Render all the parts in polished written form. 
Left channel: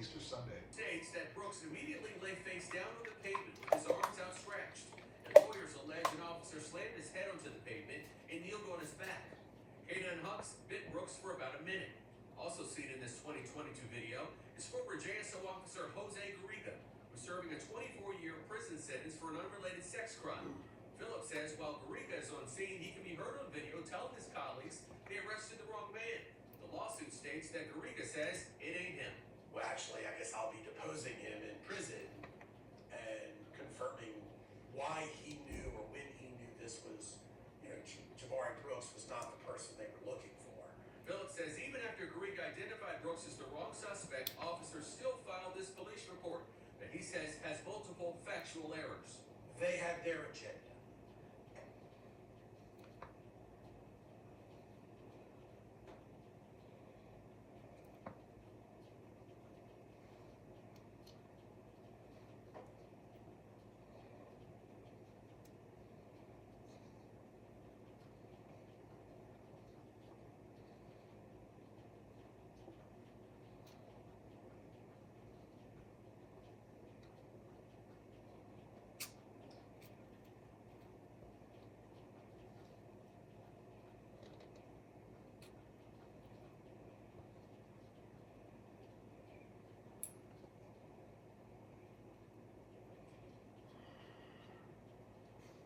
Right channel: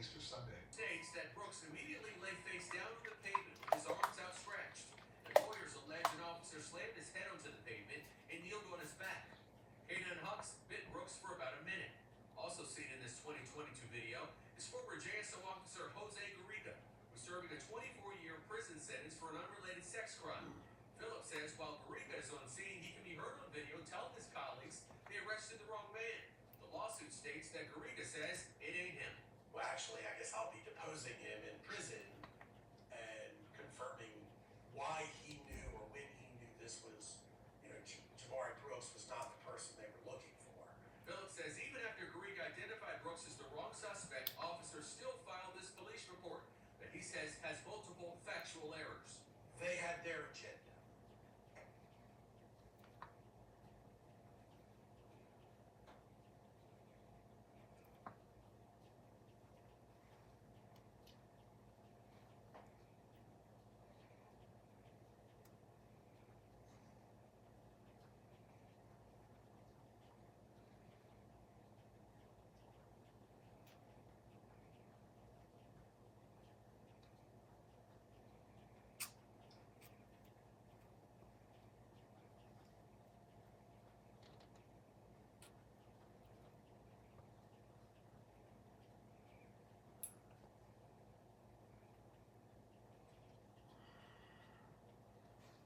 Easter Sunday. States that Brooks immediately lay face down on the pavement with his arms outstretched. Employers allege an officer slammed his head onto the pavement and kneeled on his back. K9 Hux bit Brooks for about a minute. Also seen in this 2022 video is former JSO officer Jose Garriga, who's serving a 24-year prison sentence for an unrelated sex crime. Phillips says while Garriga is on scene, he can be heard on video telling his colleagues they arrested the wrong man. The lawsuit states that Garriga says it ain't him. Well, actually, I guess I'll be deposing him in prison and confirming why he knew or when he knew this was, Jabari Brooks was not the person they were looking for. Phillips says even after Garriga identified Brooks as the wrong suspect, officers still filed this police report that he says has multiple factual errors. They had their agenda.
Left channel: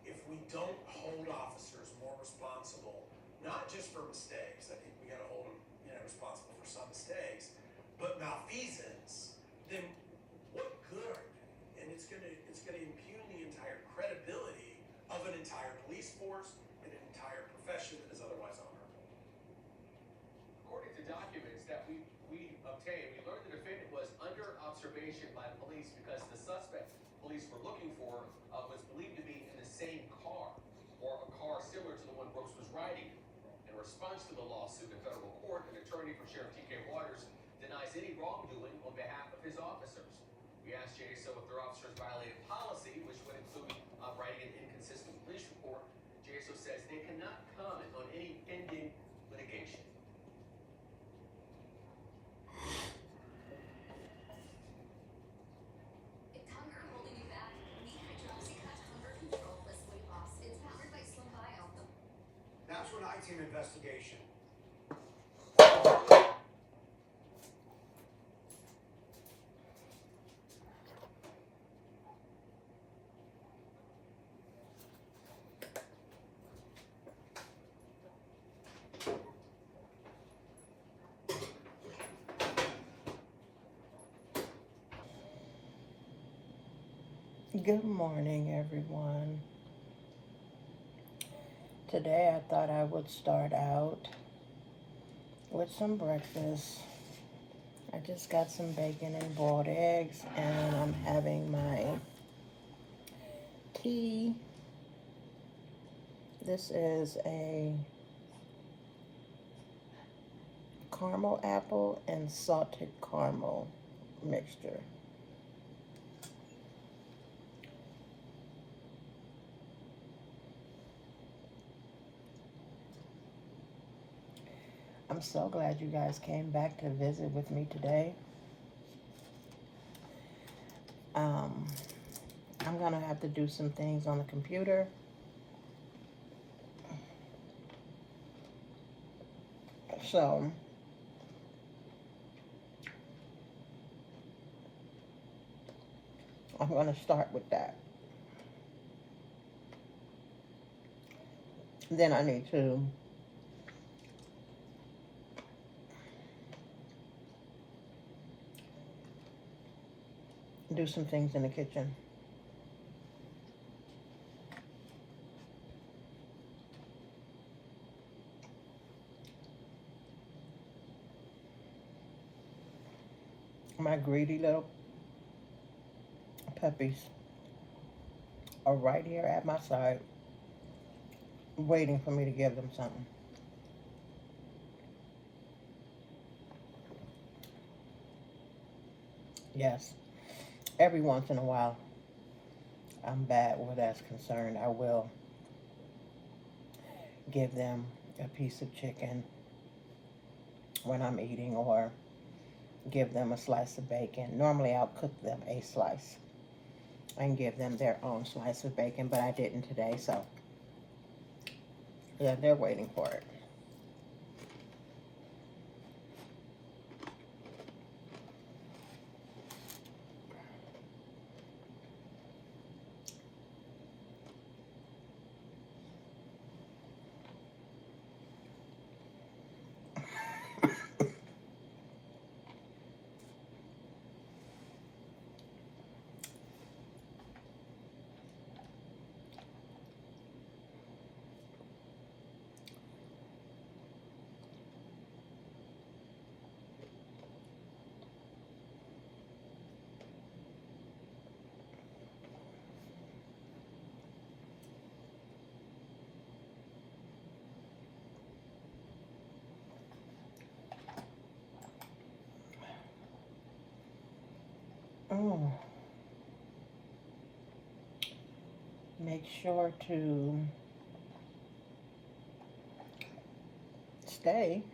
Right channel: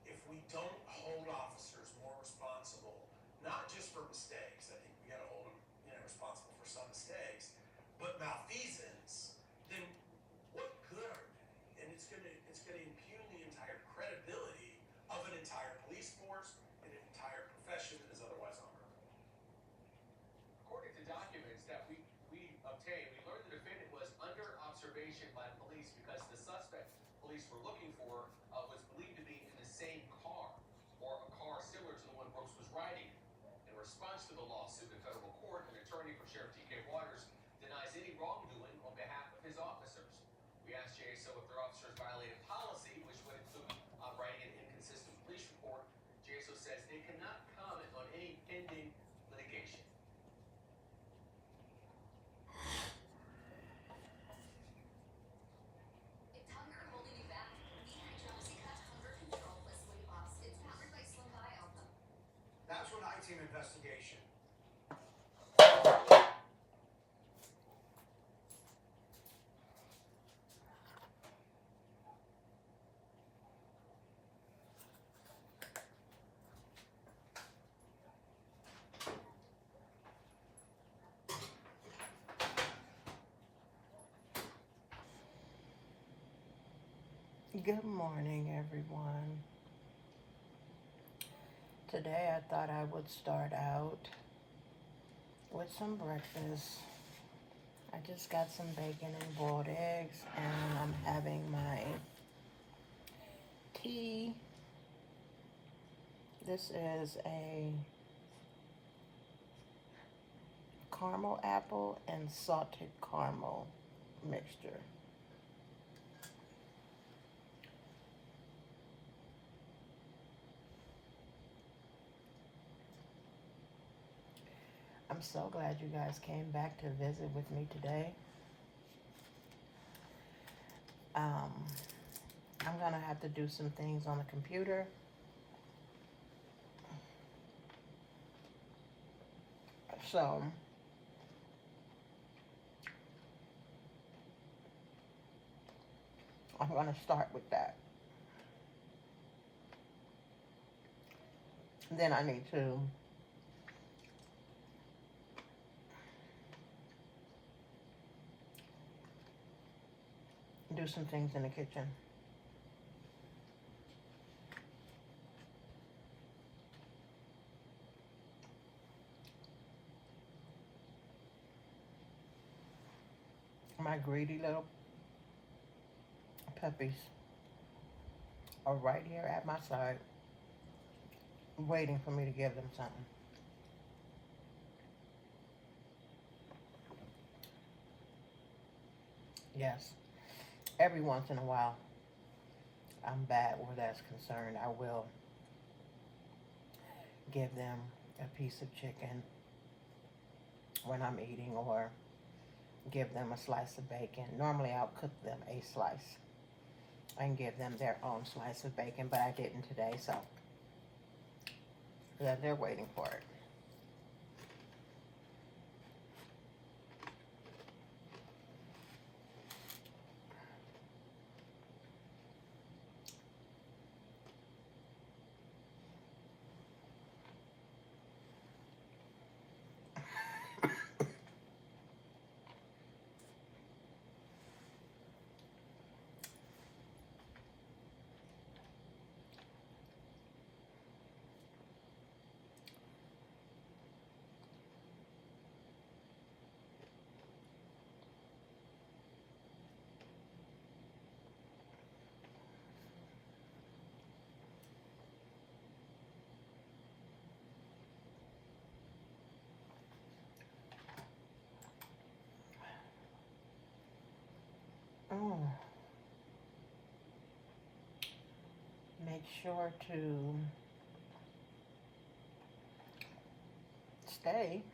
If we don't hold officers more responsible, not just for mistakes, I think we got to hold them, responsible for some mistakes, but malfeasance, then what good are they? And it's gonna impugn the entire credibility of an entire police force and an entire profession that is otherwise honorable. According to documents that we obtained, we learned the defendant was under observation by police because the suspect police were looking for was believed to be in the same car or a car similar to the one Brooks was riding. In response to the lawsuit in federal court, an attorney for Sheriff T.K. Waters denies any wrongdoing on behalf of his officers. We asked JSO if their officers violated policy, which would include writing an inconsistent police report. JSO says they cannot comment on any pending litigation. If Hunger holding you back, meet Hydroxycut Hunger Control plus weight loss. It's powered by Slim Bio. Now to an I-team investigation. Good morning, everyone. Today I thought I would start out with some breakfast. I just got some bacon and boiled eggs, and I'm having my tea. This is a caramel apple and salted caramel mixture. I'm so glad you guys came back to visit with me today. I'm gonna have to do some things on the computer. So I'm gonna start with that. Then I need to do some things in the kitchen. My greedy little puppies are right here at my side, waiting for me to give them something. Yes, every once in a while, I'm bad where that's concerned. I will give them a piece of chicken when I'm eating, or give them a slice of bacon. Normally I'll cook them a slice and give them their own slice of bacon, but I didn't today, so yeah, they're waiting for it. Mm. Make sure to stay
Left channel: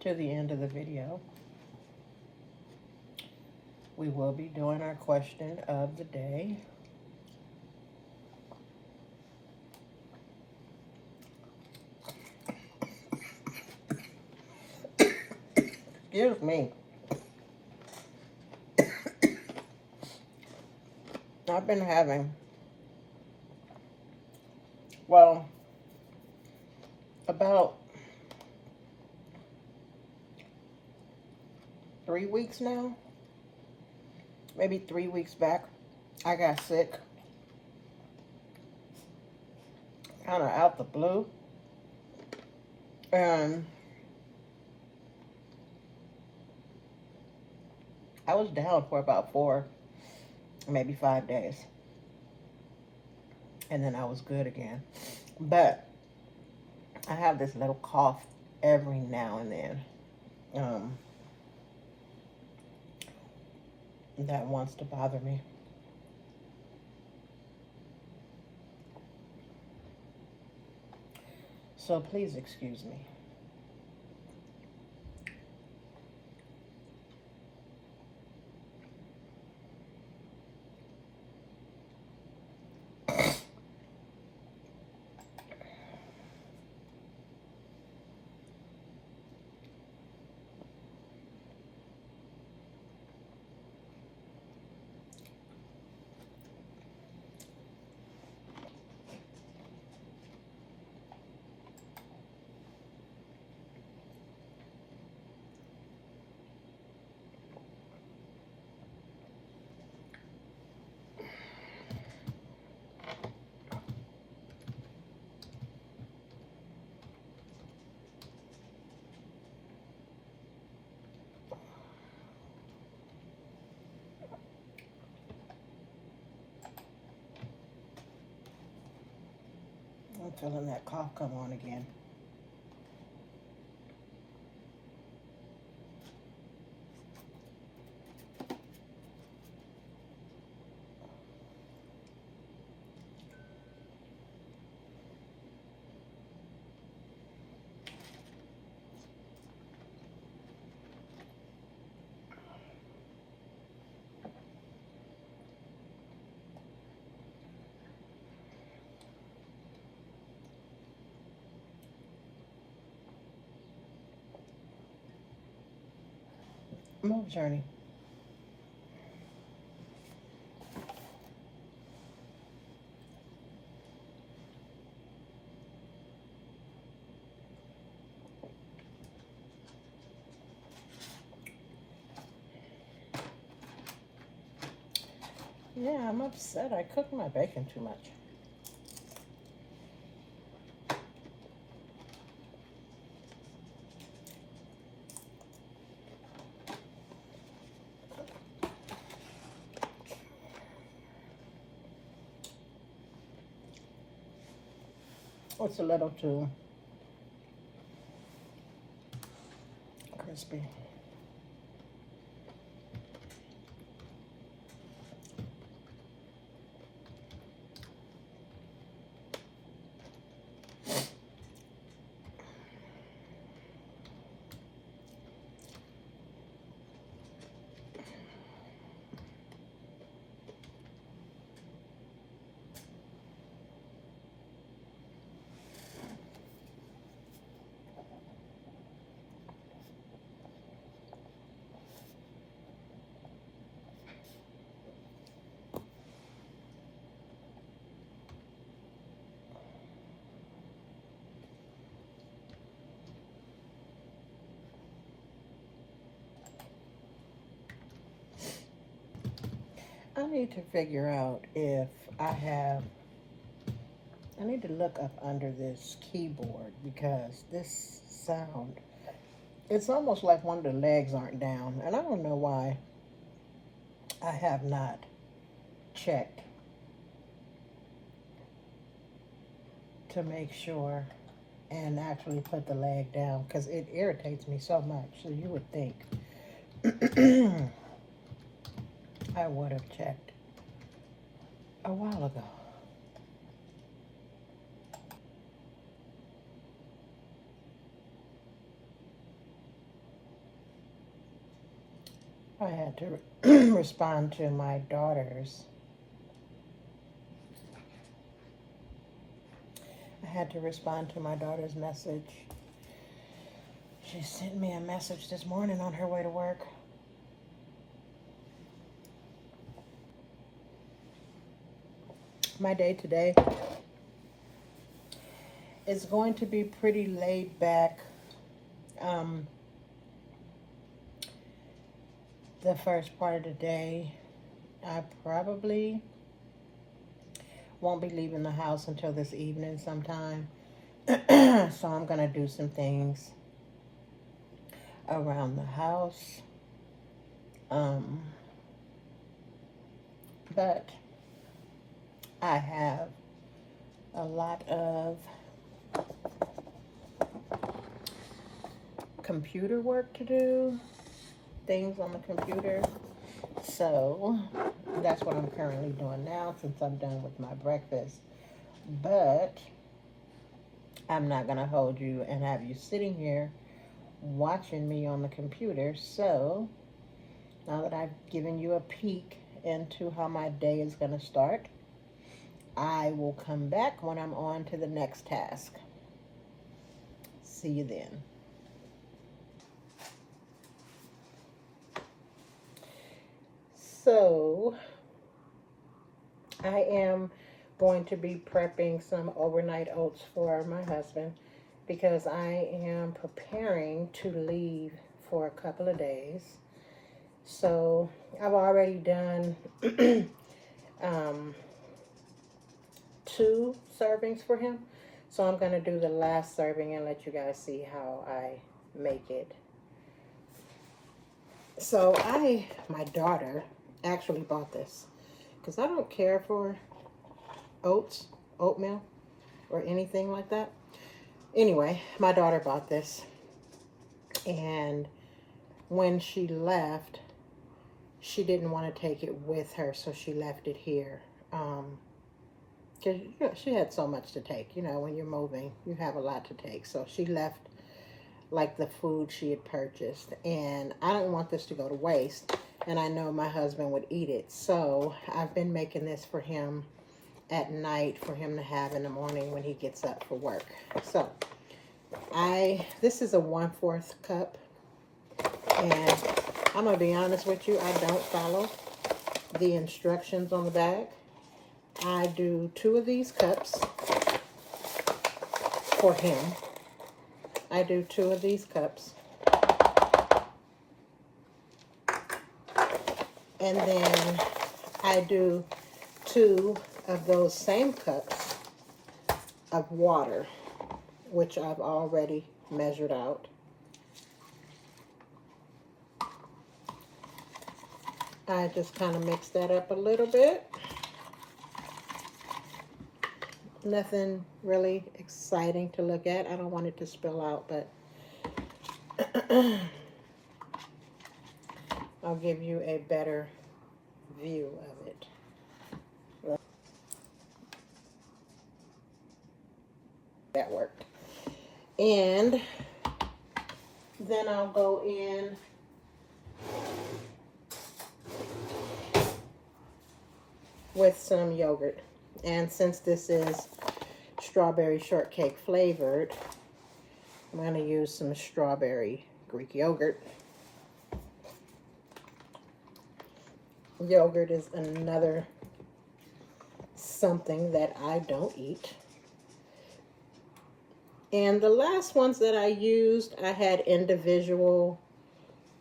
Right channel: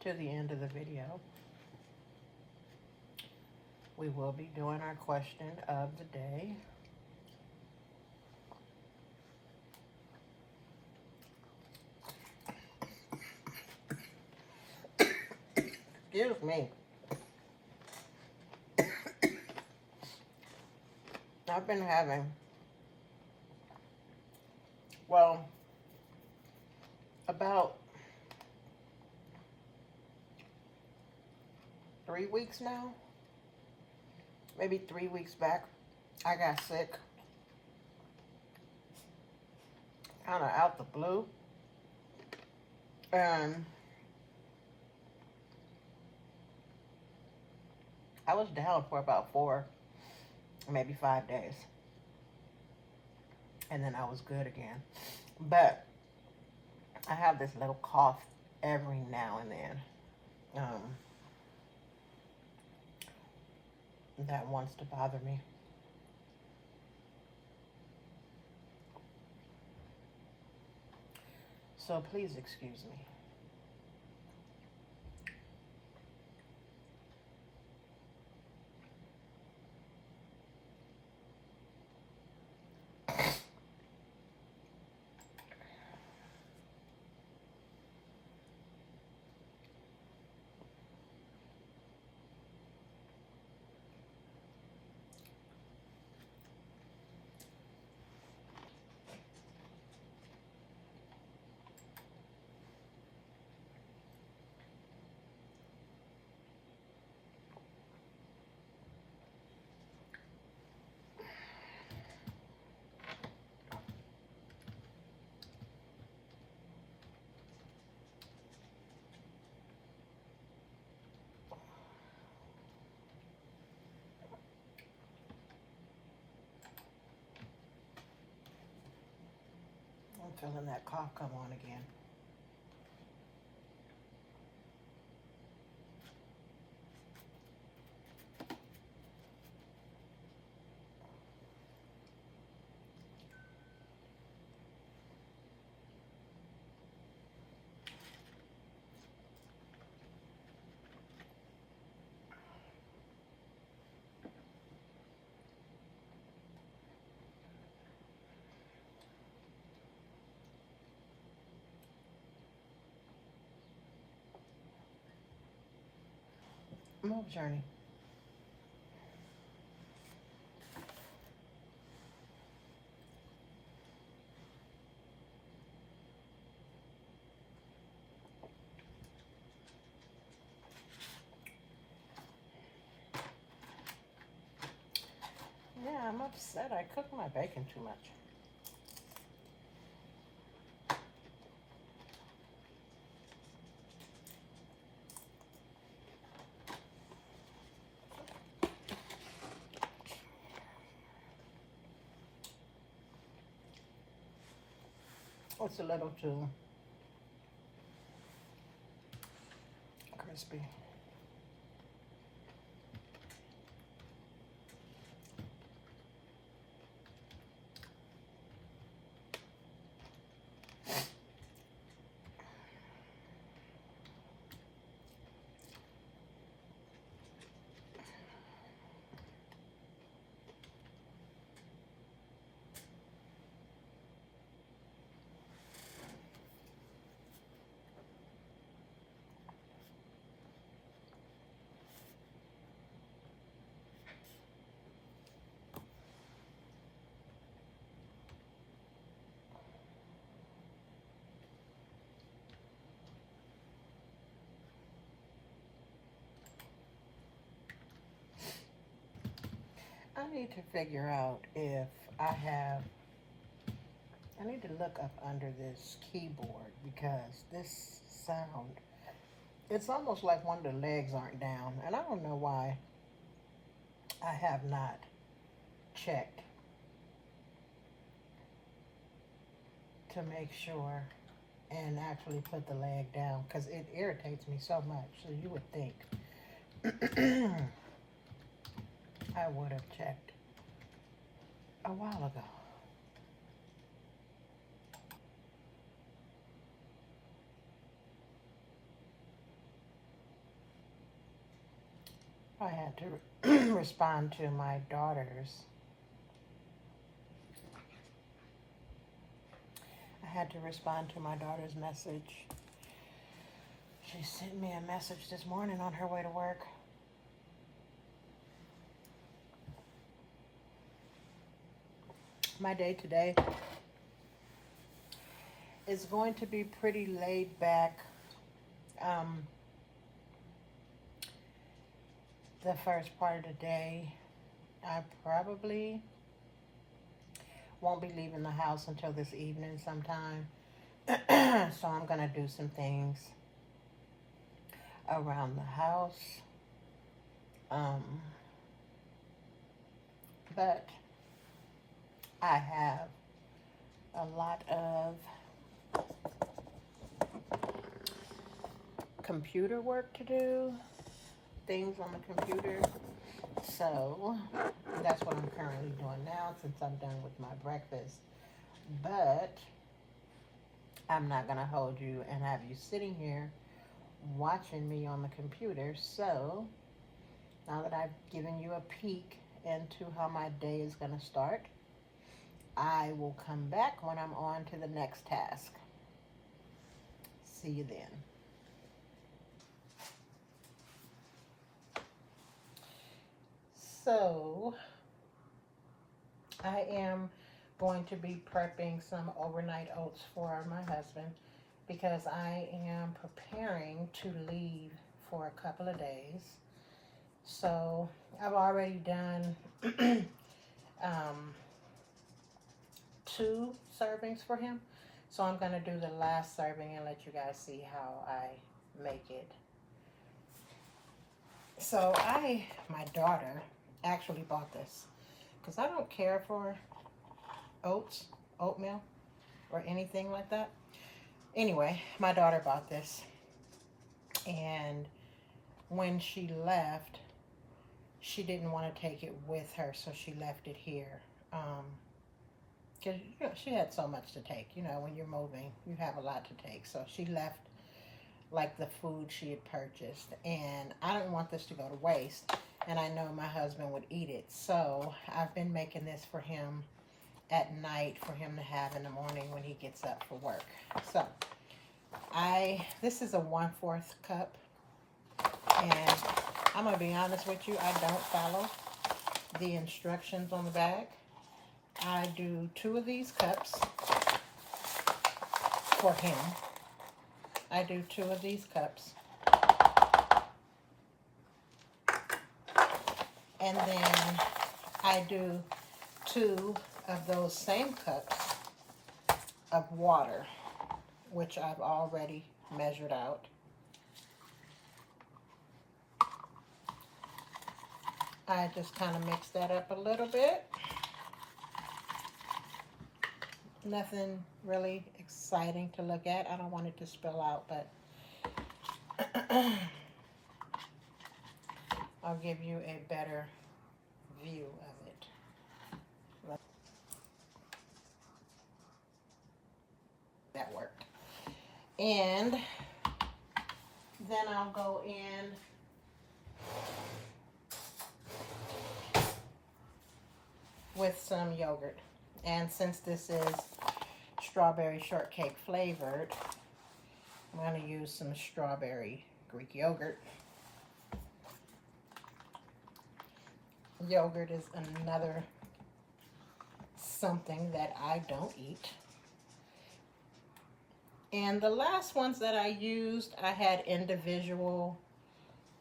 to the end of the video. We will be doing our question of the day. Excuse me. I've been having, well, about 3 weeks now, maybe 3 weeks back, I got sick, kind of out the blue, and I was down for about 4, maybe 5 days, and then I was good again. But I have this little cough every now and then that wants to bother me. So please excuse me. I'm feeling that cough come on again. Move, Journey. Yeah, I'm upset. I cooked my bacon too much. It's a little too crispy. need to figure out if I need to look up under this keyboard because this sound, it's almost like one of the legs aren't down. And I don't know why I have not checked to make sure and actually put the leg down because it irritates me so much. So you would think I would have checked a while ago. I had to respond to my daughter's. I had to respond to my daughter's message. She sent me a message this morning on her way to work. My day today is going to be pretty laid back. The first part of the day, I probably won't be leaving the house until this evening sometime. So I'm gonna do some things around the house. But I have a lot of computer work to do, things on the computer. So that's what I'm currently doing now since I'm done with my breakfast. But I'm not gonna hold you and have you sitting here watching me on the computer. So now that I've given you a peek into how my day is gonna start, I will come back when I'm on to the next task. See you then. So, I am going to be prepping some overnight oats for my husband because I am preparing to leave for a couple of days. So, I've already done 2 servings for him. So, I'm going to do the last serving and let you guys see how I make it. So, my daughter actually bought this because I don't care for oatmeal or anything like that. Anyway, my daughter bought this, and when she left, she didn't want to take it with her, so she left it here. Because she had so much to take. You know, when you're moving, you have a lot to take. So she left like the food she had purchased, and I don't want this to go to waste, and I know my husband would eat it. So I've been making this for him at night for him to have in the morning when he gets up for work. So this is a 1/4 cup, and I'm gonna be honest with you, I don't follow the instructions on the bag. I do 2 of these cups for him. I do 2 of these cups. And then I do 2 of those same cups of water, which I've already measured out. I just kind of mix that up a little bit. Nothing really exciting to look at. I don't want it to spill out, but I'll give you a better view of it. That worked. And then I'll go in with some yogurt. And since this is strawberry shortcake flavored, I'm going to use some strawberry Greek yogurt. Yogurt is another something that I don't eat. And the last ones that I used, I had individual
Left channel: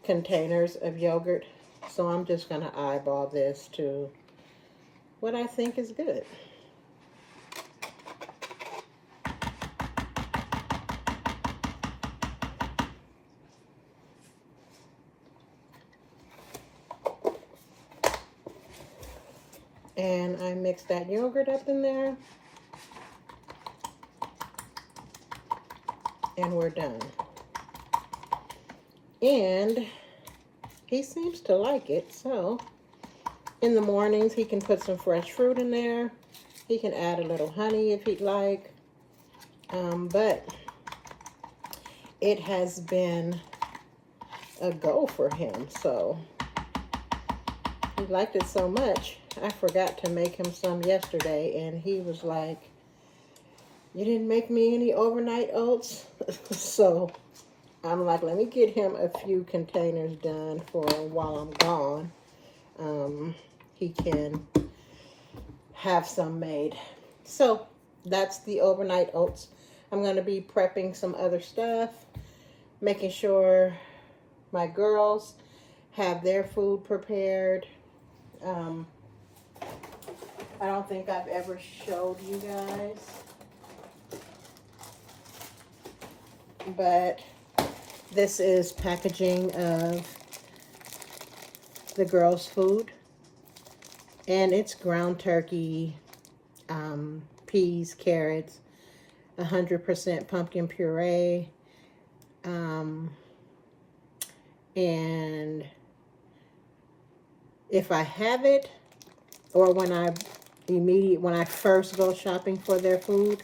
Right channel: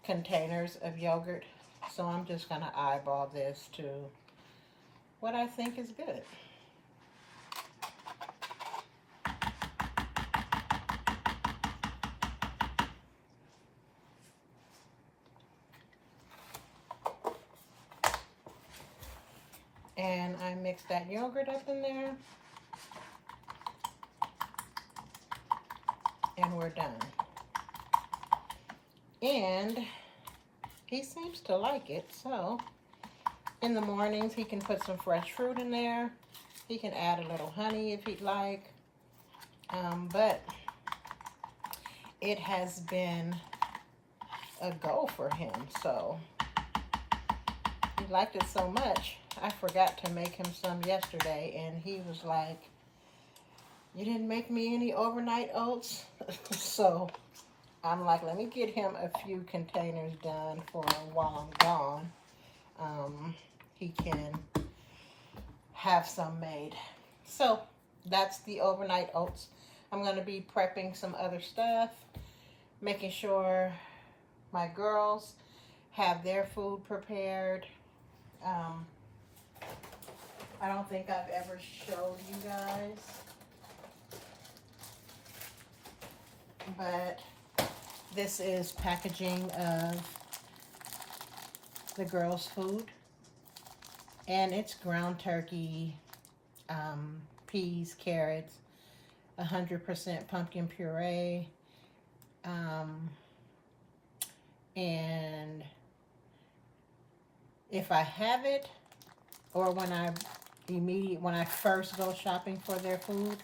containers of yogurt. So I'm just going to eyeball this to what I think is good. And I mix that yogurt up in there. And we're done. And he seems to like it, so in the mornings he can put some fresh fruit in there. He can add a little honey if he'd like. But it has been a go for him, so he liked it so much. I forgot to make him some yesterday, and he was like, "You didn't make me any overnight oats?" So I'm like, let me get him a few containers done for while I'm gone. He can have some made. So that's the overnight oats. I'm going to be prepping some other stuff, making sure my girls have their food prepared. I don't think I've ever showed you guys, but this is packaging of the girls' food, and it's ground turkey, peas, carrots, 100% pumpkin puree, and if I have it, or when I first go shopping for their food,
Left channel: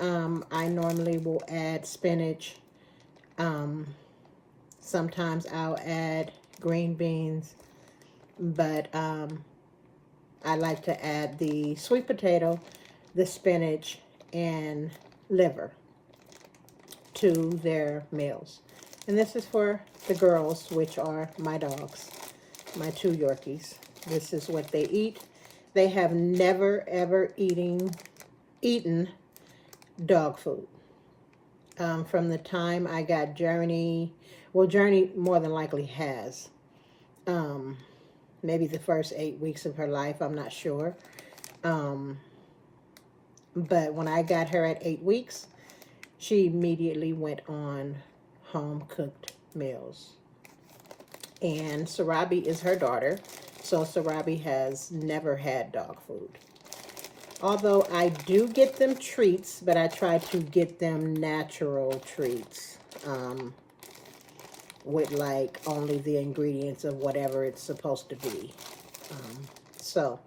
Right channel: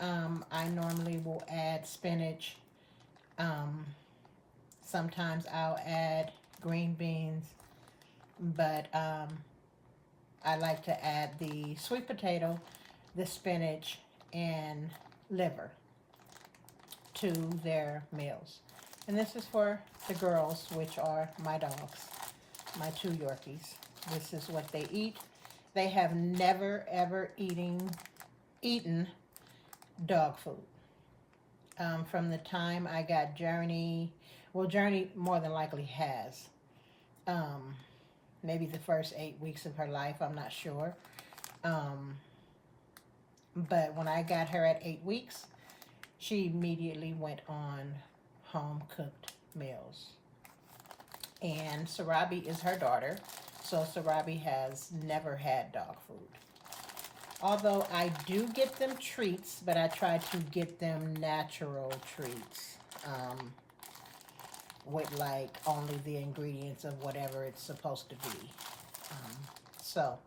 I normally will add spinach. Sometimes I'll add green beans, but I like to add the sweet potato, the spinach, and liver to their meals. And this is for the girls, which are my dogs, my 2 Yorkies. This is what they eat. They have never, ever eaten dog food. From the time I got Journey, well, Journey more than likely has. Maybe the first 8 weeks of her life, I'm not sure. But when I got her at 8 weeks, she immediately went on home-cooked meals. And Sarabi is her daughter, so Sarabi has never had dog food. Although I do get them treats, but I try to get them natural treats. With like only the ingredients of whatever it's supposed to be. So,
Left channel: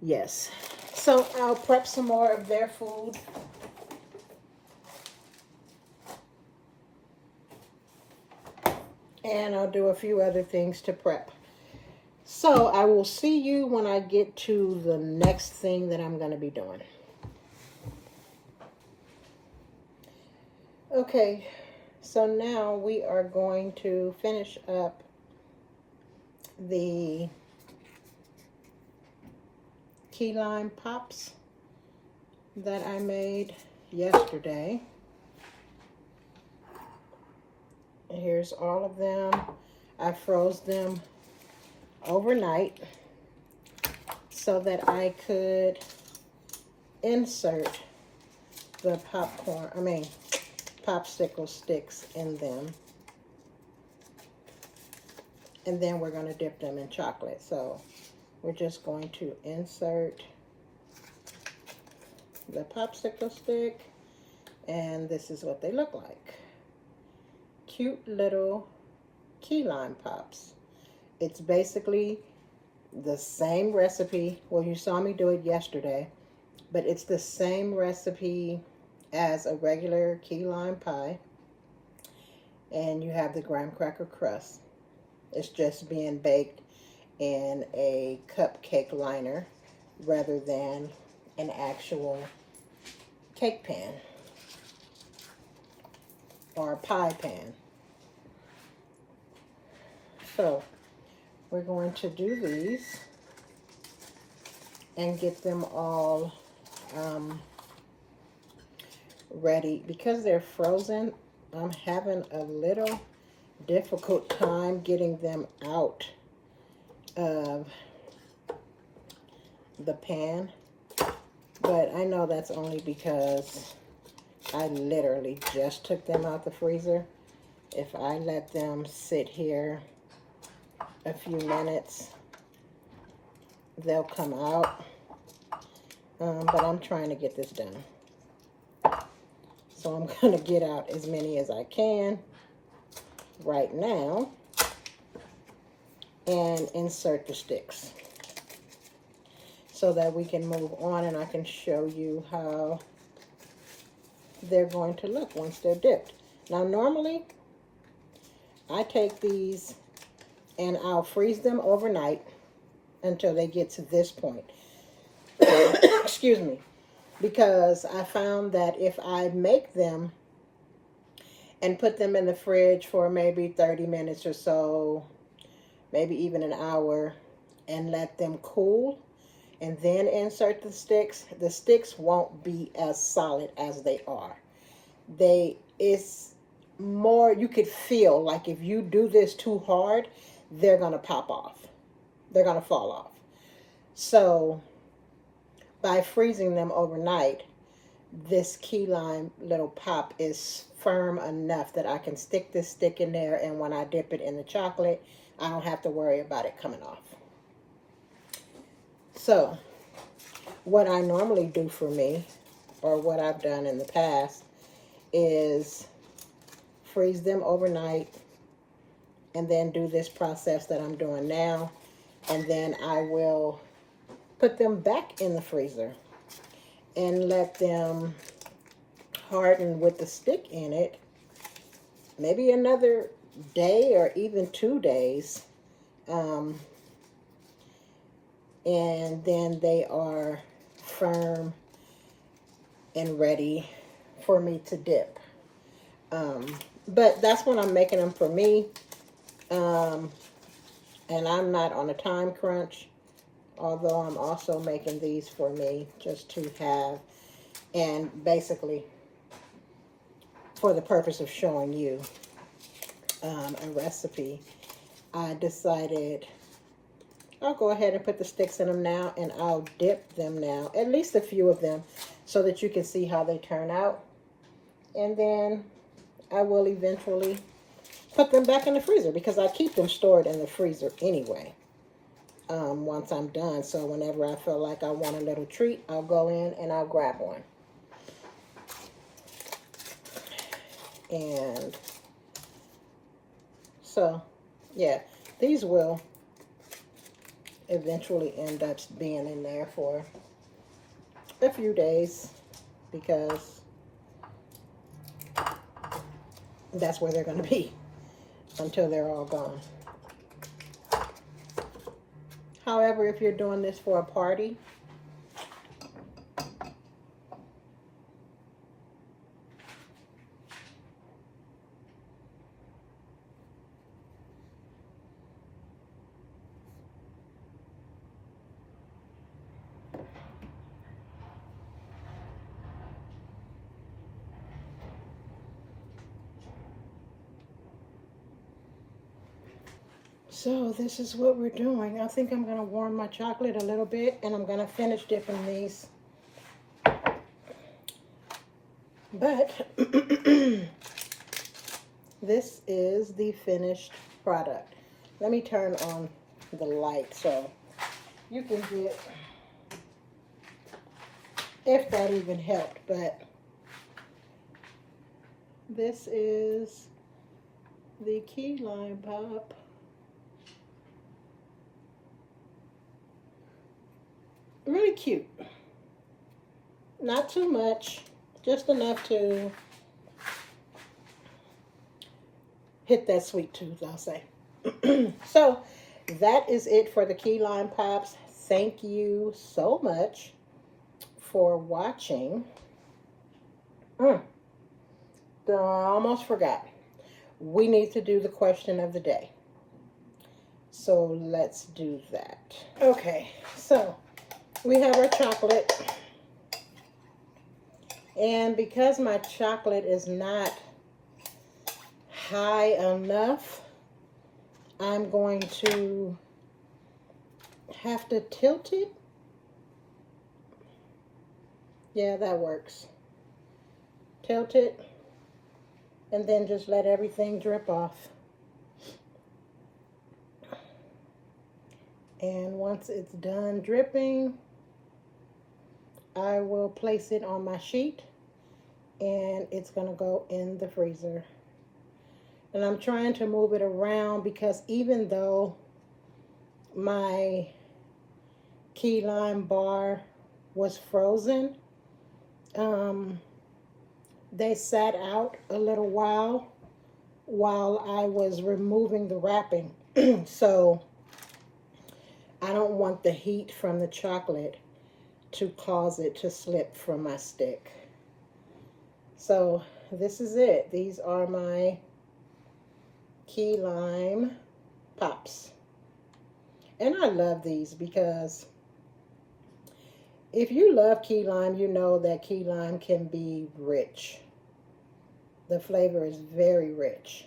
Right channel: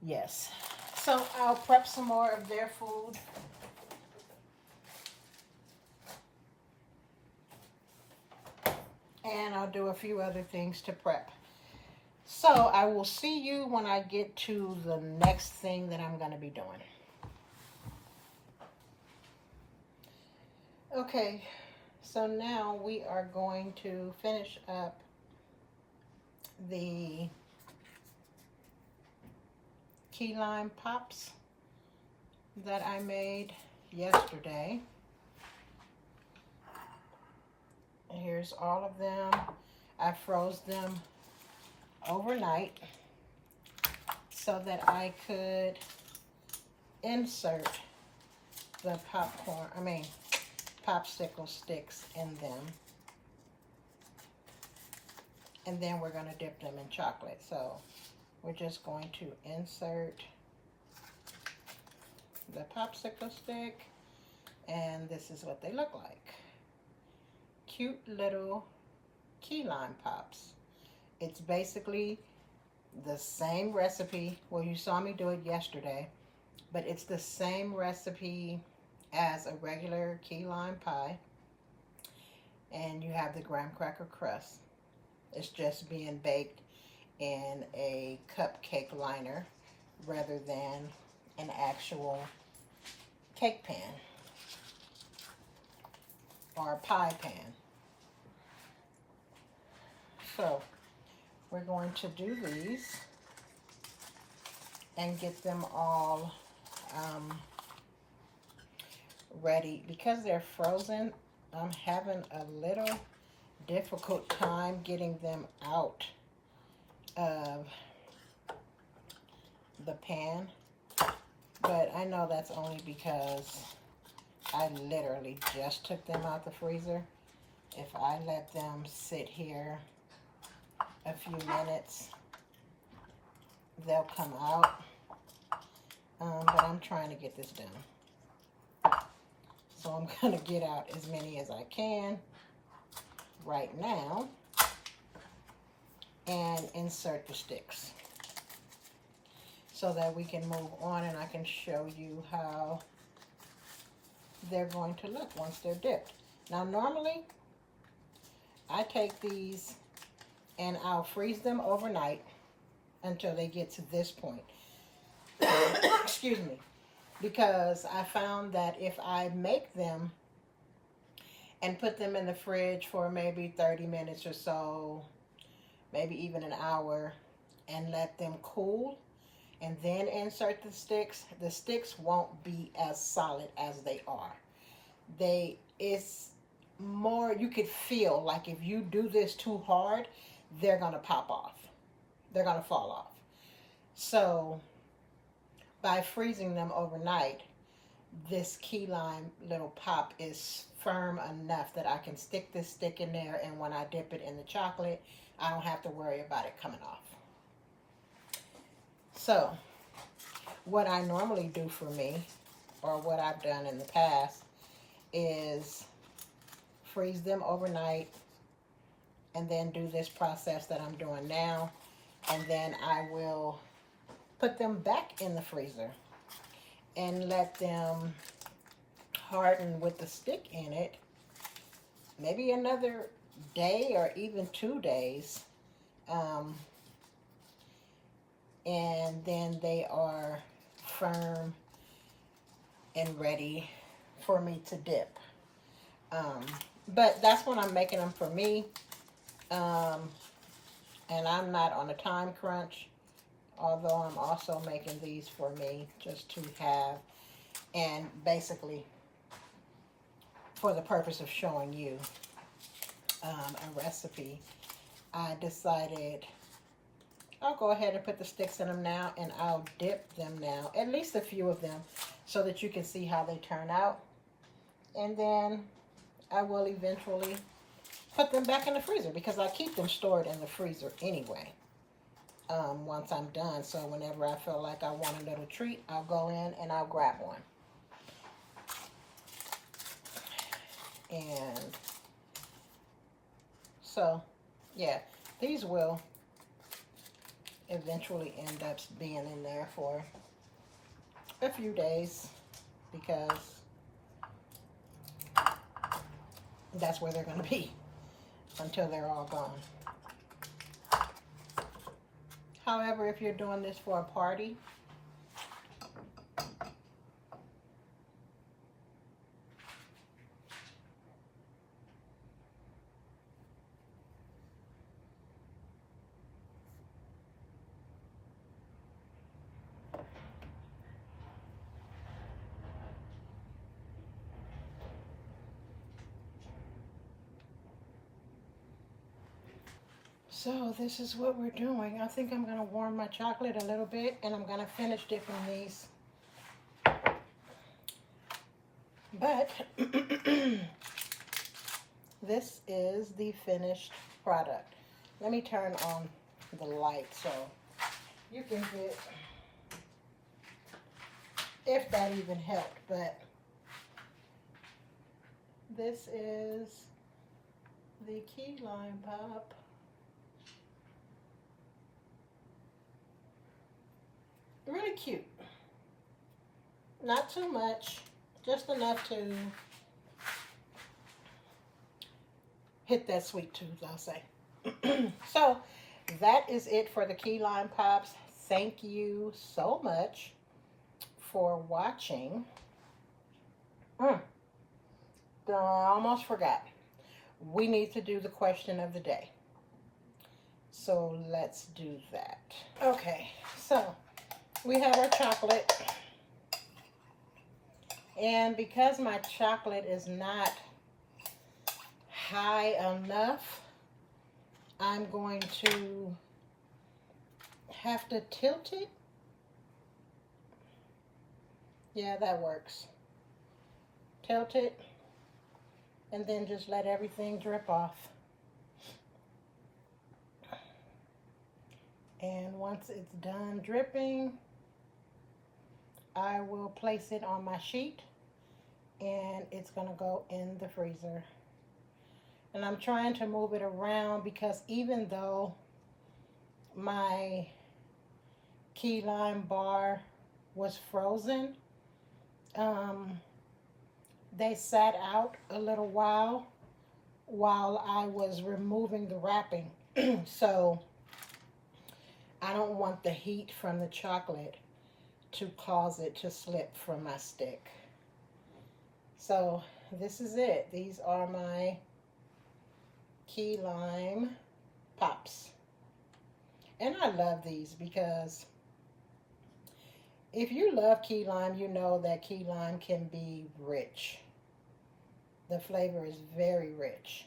yes. So I'll prep some more of their food. And I'll do a few other things to prep. So I will see you when I get to the next thing that I'm going to be doing. Okay, so now we are going to finish up the key lime pops that I made yesterday. Here's all of them. I froze them overnight so that I could insert the popsicle sticks in them. And then we're going to dip them in chocolate. So we're just going to insert the popsicle stick, and this is what they look like. Cute little key lime pops. It's basically the same recipe. Well, you saw me do it yesterday, but it's the same recipe as a regular key lime pie. And you have the graham cracker crust. It's just being baked in a cupcake liner rather than an actual cake pan or a pie pan. So we're going to do these and get them all ready. Because they're frozen, I'm having a little difficult time getting them out of the pan, but I know that's only because I literally just took them out the freezer. If I let them sit here a few minutes, they'll come out. But I'm trying to get this done. So I'm going to get out as many as I can right now and insert the sticks so that we can move on and I can show you how they're going to look once they're dipped. Now normally I take these and I'll freeze them overnight until they get to this point. Excuse me. Because I found that if I make them and put them in the fridge for maybe 30 minutes or so, maybe even an hour, and let them cool, and then insert the sticks won't be as solid as they are. It's more, you could feel like if you do this too hard, they're going to pop off. They're going to fall off. So by freezing them overnight, this key lime little pop is firm enough that I can stick this stick in there, and when I dip it in the chocolate, I don't have to worry about it coming off. So what I normally do for me, or what I've done in the past, is freeze them overnight and then do this process that I'm doing now, and then I will put them back in the freezer and let them harden with the stick in it, maybe another day or even 2 days, and then they are firm and ready for me to dip. But that's when I'm making them for me, and I'm not on a time crunch, although I'm also making these for me just to have, and basically for the purpose of showing you a recipe. I decided I'll go ahead and put the sticks in them now, and I'll dip them now, at least a few of them, so that you can see how they turn out. And then I will eventually put them back in the freezer, because I keep them stored in the freezer anyway once I'm done. So whenever I feel like I want a little treat, I'll go in and I'll grab one. And so, yeah, these will eventually end up being in there for a few days, because that's where they're going to be until they're all gone. However, if you're doing this for a party, so this is what we're doing. I think I'm going to warm my chocolate a little bit, and I'm going to finish dipping these. But this is the finished product. Let me turn on the light so you can get, if that even helped, but this is the key lime pop. Really cute. Not too much, just enough to hit that sweet tooth, I'll say. So that is it for the key lime pops. Thank you so much for watching. I almost forgot. We need to do the question of the day. So let's do that. Okay, so we have our chocolate, and because my chocolate is not high enough, I'm going to have to tilt it Yeah, that works. Tilt it and then just let everything drip off. And once it's done dripping, I will place it on my sheet and it's gonna go in the freezer. And I'm trying to move it around because even though my key lime bar was frozen, they sat out a little while I was removing the wrapping. So I don't want the heat from the chocolate to cause it to slip from my stick. So this is it. These are my key lime pops. And I love these because if you love key lime, you know that key lime can be rich. The flavor is very rich.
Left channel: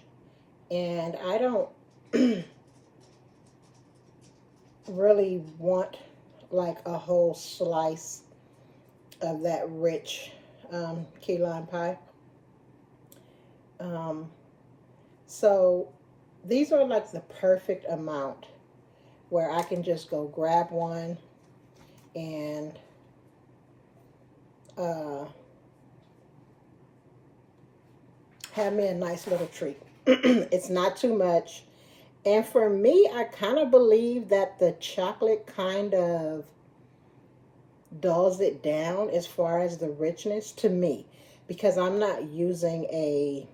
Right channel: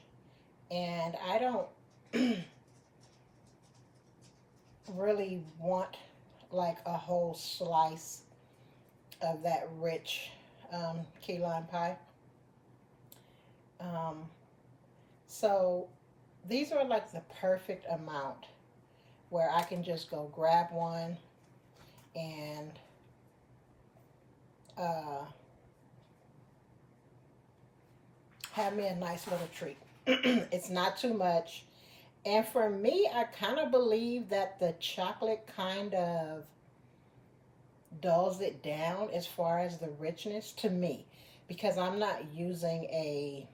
And I don't really want like a whole slice of that rich key lime pie. So these are like the perfect amount where I can just go grab one and have me a nice little treat. It's not too much. And for me, I kind of believe that the chocolate kind of dulls it down as far as the richness to me, because I'm not using a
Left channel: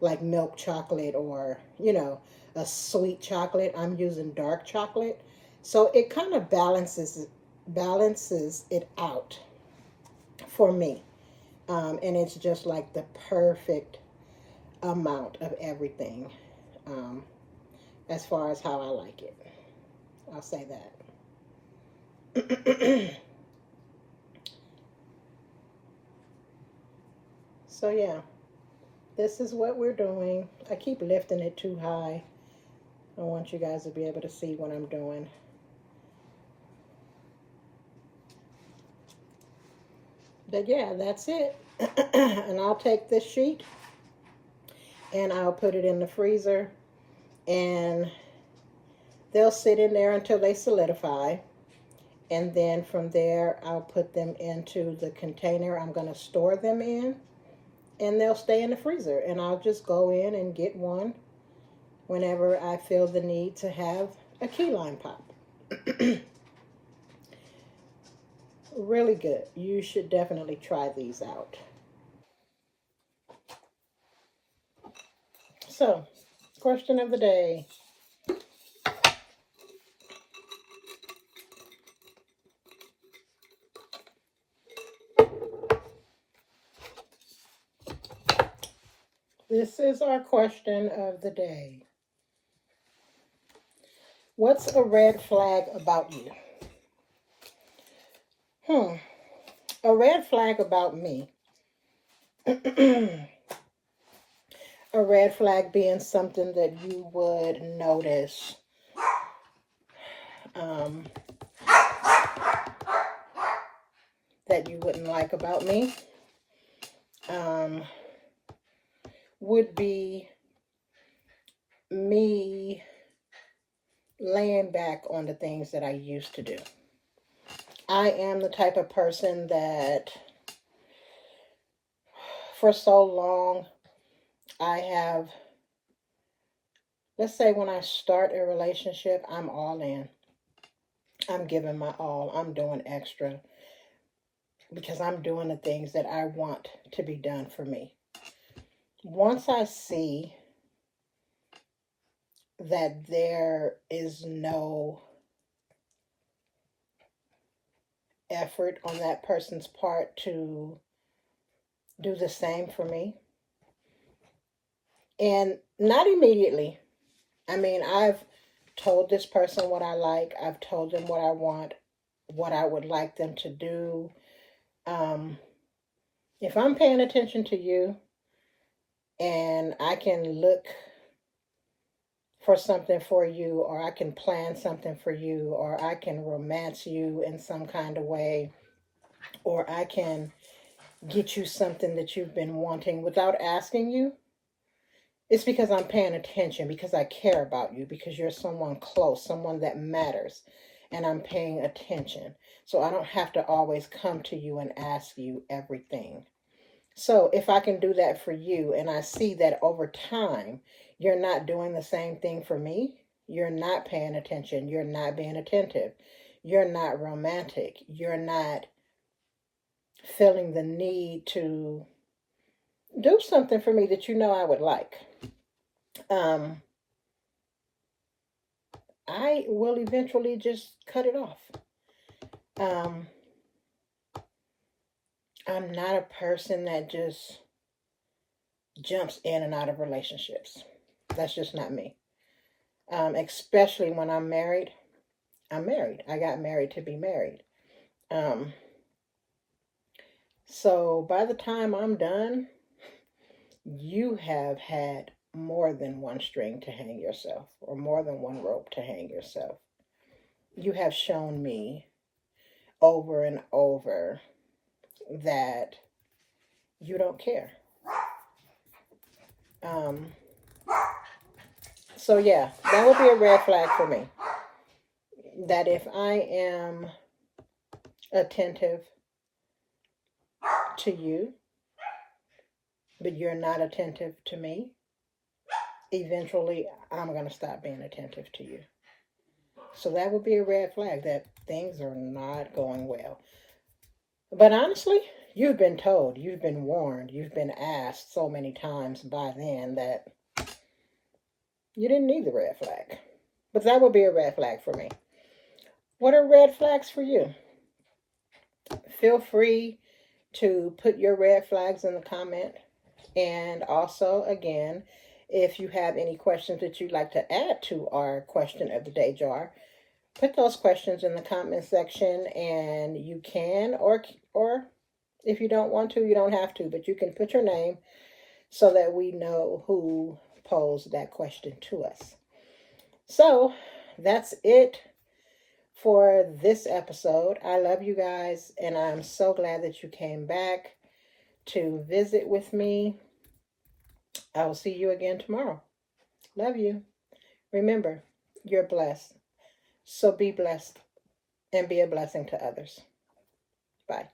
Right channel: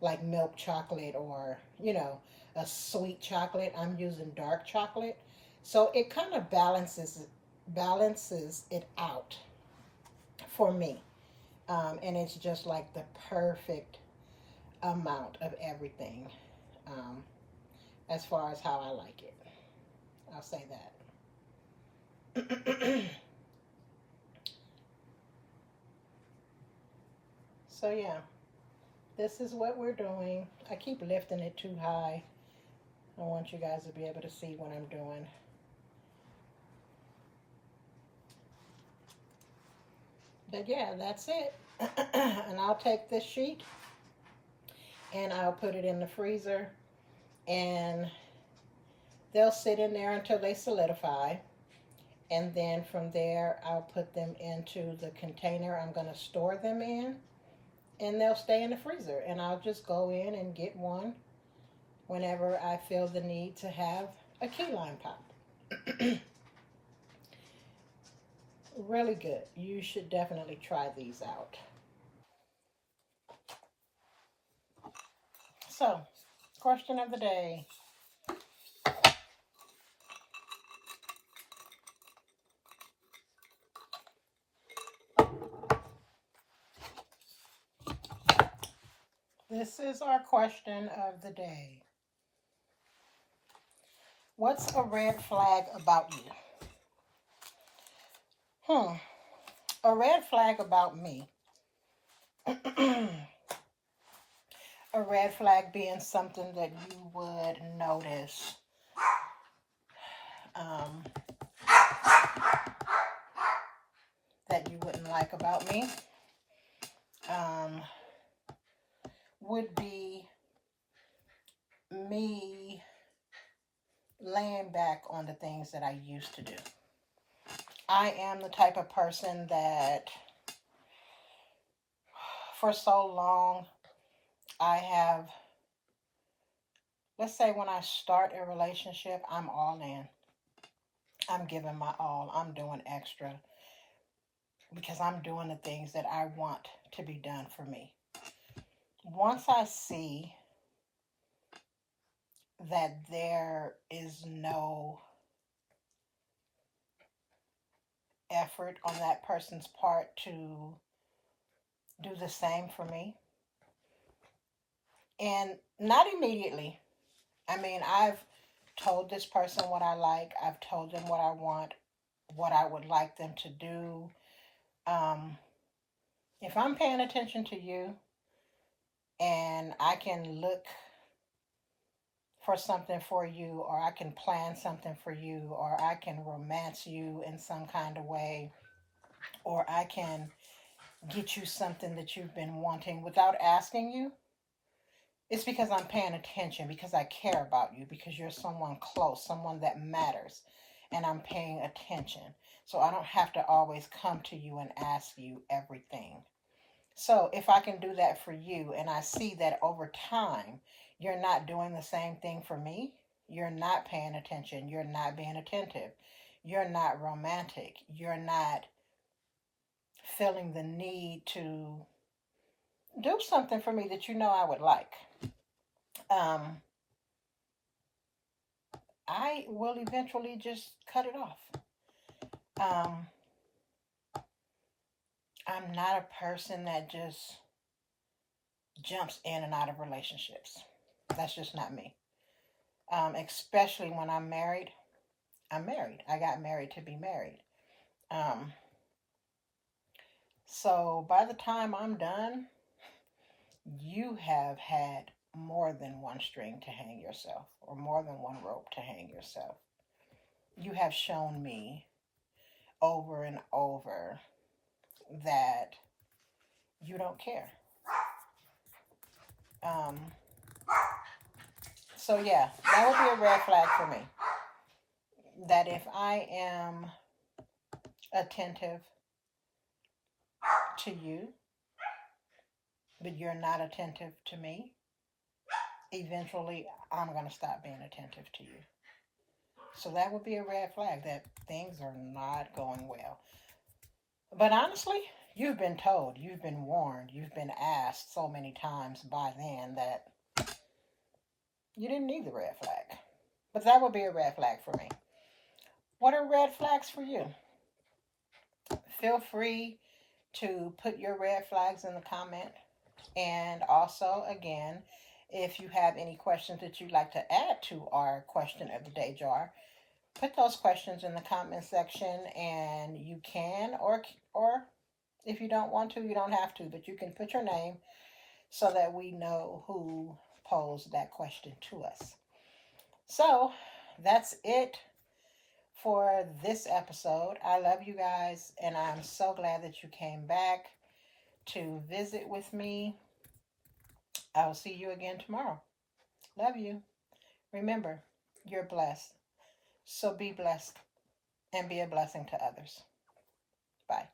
like milk chocolate or, you know, a sweet chocolate. I'm using dark chocolate. So it kind of balances it out for me. And it's just like the perfect amount of everything as far as how I like it. I'll say that. So yeah, this is what we're doing. I keep lifting it too high. I want you guys to be able to see what I'm doing. But yeah, that's it. And I'll take this sheet and I'll put it in the freezer and they'll sit in there until they solidify. And then from there, I'll put them into the container I'm going to store them in. And they'll stay in the freezer. And I'll just go in and get one whenever I feel the need to have a key lime pop. Really good. You should definitely try these out. So, question of the day. This is our question of the day. What's a red flag about you? A red flag about me. A red flag being something that you would notice that you wouldn't like about me would be me laying back on the things that I used to do. I am the type of person that for so long I have, let's say when I start a relationship, I'm all in. I'm giving my all. I'm doing extra because I'm doing the things that I want to be done for me. Once I see that there is no effort on that person's part to do the same for me, and not immediately. I mean, I've told this person what I like. I've told them what I want, what I would like them to do. If I'm paying attention to you and I can look for something for you, or I can plan something for you, or I can romance you in some kind of way, or I can get you something that you've been wanting without asking you, it's because I'm paying attention, because I care about you, because you're someone close, someone that matters, and I'm paying attention. So I don't have to always come to you and ask you everything. So if I can do that for you, and I see that over time, you're not doing the same thing for me, you're not paying attention, you're not being attentive, you're not romantic, you're not feeling the need to do something for me that you know I would like. I will eventually just cut it off. I'm not a person that just jumps in and out of relationships. That's just not me. Especially when I'm married. I'm married. I got married to be married. So by the time I'm done, you have had more than one string to hang yourself, or more than one rope to hang yourself. You have shown me over and over that you don't care. So yeah, that would be a red flag for me. That if I am attentive to you, but you're not attentive to me, eventually I'm going to stop being attentive to you. So that would be a red flag that things are not going well. But honestly, you've been told, you've been warned, you've been asked so many times by then that you didn't need the red flag. But that would be a red flag for me. What are red flags for you? Feel free to put your red flags in the comment. And also, again, if you have any questions that you'd like to add to our question of the day jar, put those questions in the comment section, and you can, or if you don't want to, you don't have to, but you can put your name so that we know who posed that question to us. So that's it for this episode. I love you guys, and I'm so glad that you came back to visit with me. I will see you again tomorrow. Love you. Remember, you're blessed. So be blessed and be a blessing to others. Bye.